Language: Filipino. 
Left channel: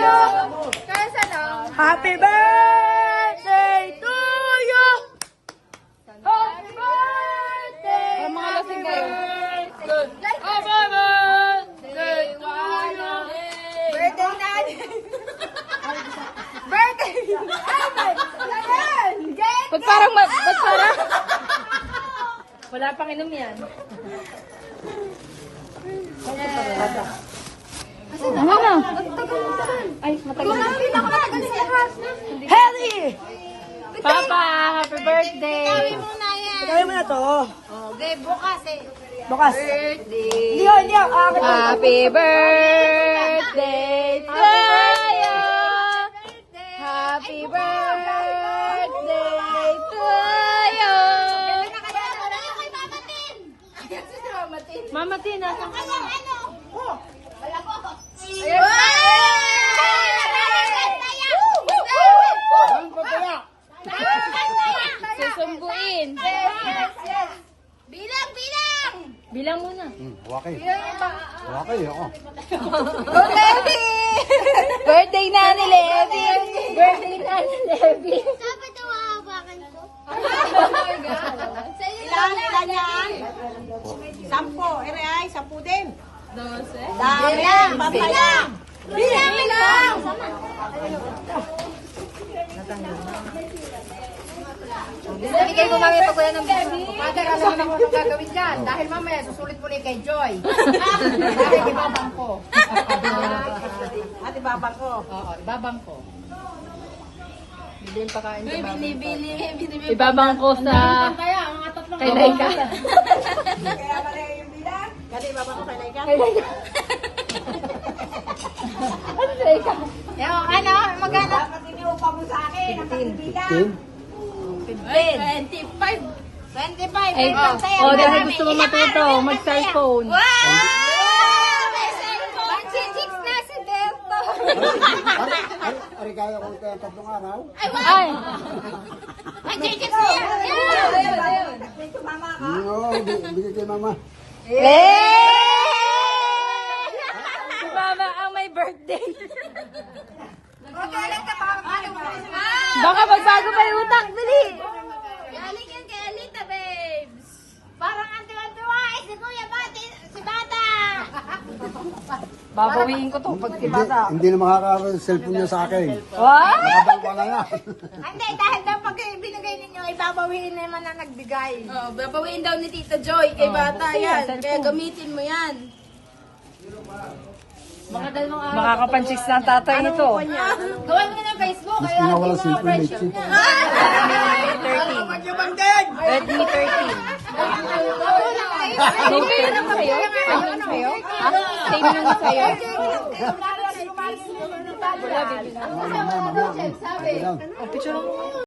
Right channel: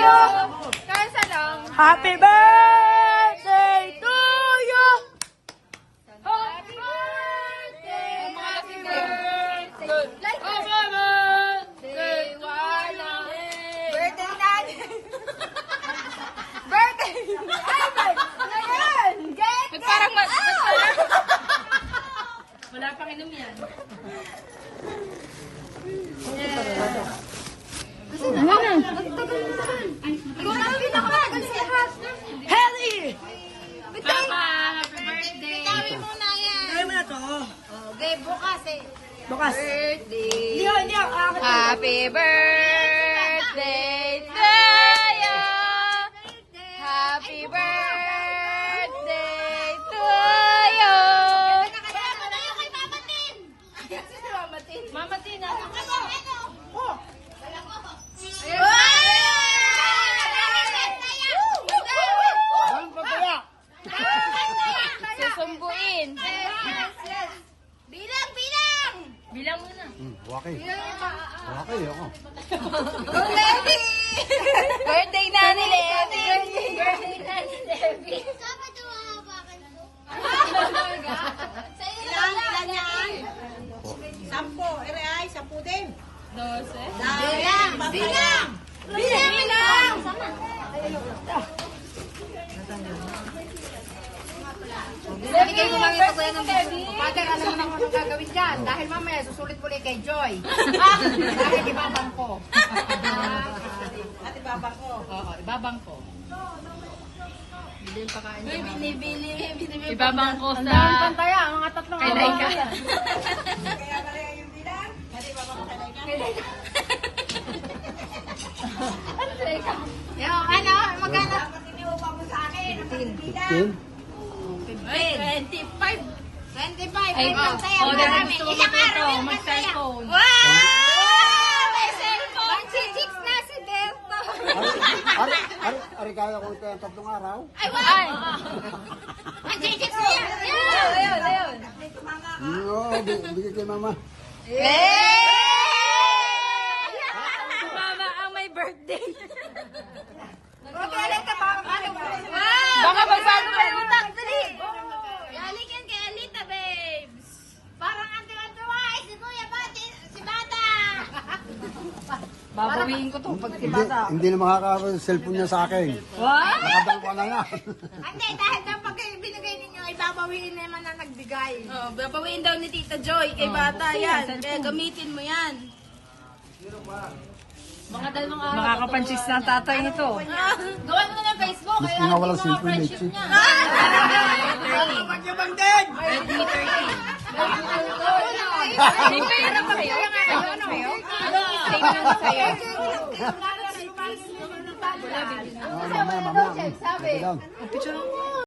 you. Kasa lang. Happy birthday to you. Happy birthday. Happy birthday. Happy birthday. Birthday natin. Birthday. Ay, ayan. Ba't parang, ba't parang? Wala pang inom yan. Ano na? Ay, Harry! Papa, happy birthday! Gawin mo na yan. Gawin mo na to. Okay, bukas eh. Bukas. Birthday. Hindi. Happy birthday to you. Happy birthday to you. Mama Tina. Susumbuin. Bilang muna. Wakay. Wakay ako. Birthday na ni Levi. Birthday na ni Levi. Ilan yan? 10. Ay, 10 din. 12. Bilang. Bilang. Bigay mo mami pa kuya ng biskuit. Mother, alam mo na kung anong gagawin dyan. Dahil mamaya, susulit mo ulit kay Joy. Dahil ibabang ko. At ibabang ko. Oo, ibabang ko. Bili yung pakain sa mama. Ibabang ko sa... Kaya, mga tatlong Kay Laika. Kaya pala yung bilang. Dali, ibabang ko kay Laika. Ano sa ikaw? Kaya, ano, magana. Dapat iniupa mo sa akin. Ang pagbibigan. 25. 25. Ay, oh, dahil gusto mo matuto, mag-cellphone. Wow! May cellphone! 6 na si Delta. Ari kaya ko ito yung 3 araw. Ay! Mag-tickets mo yan. Ayun. Dito, mama. Oo, bigay kay mama. Si Mama ang may birthday. Okay, Alita, paano? Baka magbago pa yung utak. Dali! Galingan kay Alita, babes. Parang ang tuwa eh, si Kuya Bati, si Bata. Babawiin ko to pag si Bata. Hindi na makakaroon yung cellphone niya sa akin. What? Nakabang pa na yan. Hindi, dahil daw pag binigay ninyo, ibabawiin naman na nagbigay. Oh, babawiin daw ni Tita Joy kay Bata yan. Kaya gamitin mo yan. Mga dalawang araw. Makakapanchis ng tatay nito. Gawan mo na ng Facebook. Kaya Nga wala yung mga cellphone, friendship Lexi. niya. Same kayo na ba kayo? Same kayo? Same lang ba kayo? Mama. Sabi.